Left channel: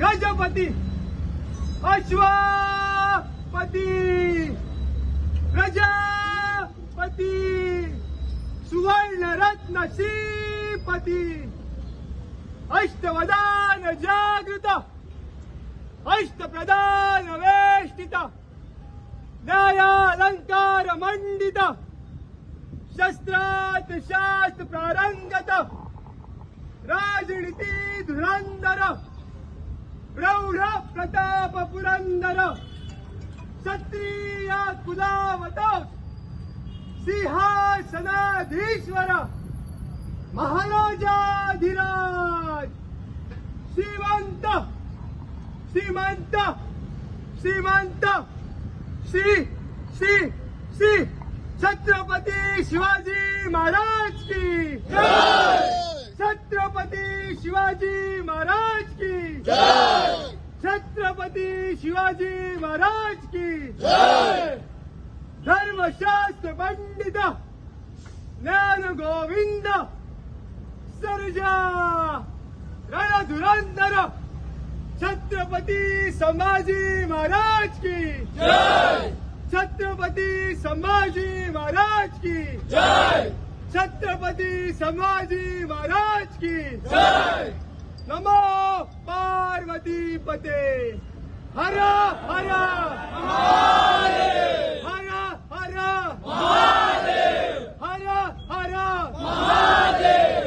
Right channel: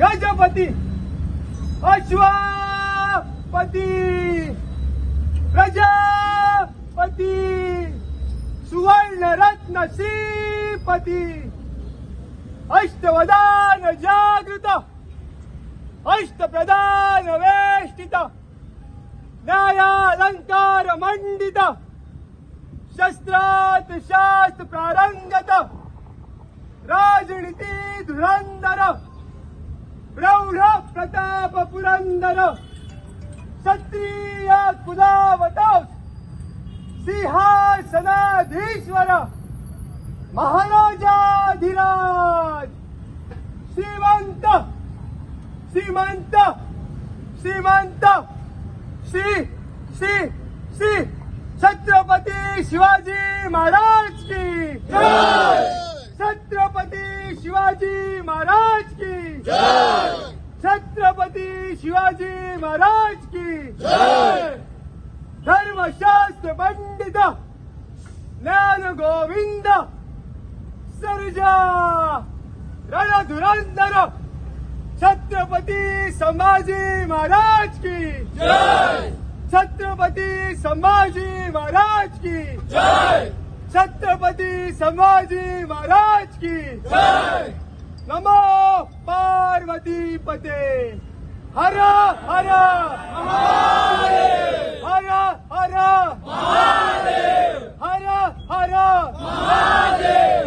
गजपती अश्वपती प्रजापती सुवर्णरत्न श्रीपती अष्टवदान जागृत अष्टप्रधान वेष्टित न्यायालंकार मंडित शस्त्रात शास्त्र प्रारंगत राजनीती धुरंधर प्रौढ प्रताप पुरंदर क्षत्रिय कुलावतार सिंहासनाधीश्वर महाराजाधिराज श्रीमंत श्रीमंत श्रीमंत श्री श्री श्री छत्रपती शिवाजी महाराज की जय। छत्रपती शिवाजी महाराज की जय। छत्रपती शिवाजी महाराज की जय। धर्मशास्त्र पंडित ज्ञान गोविंद सर्जा रणधुरंधर छत्रपती संभाजी महाराज की जय। छत्रपती संभाजी महाराज की जय। छत्रपती संभाजी महाराज की जय। नमो पार्वती पते हर हर महादेव हर हर महादेव हर हर महादेव।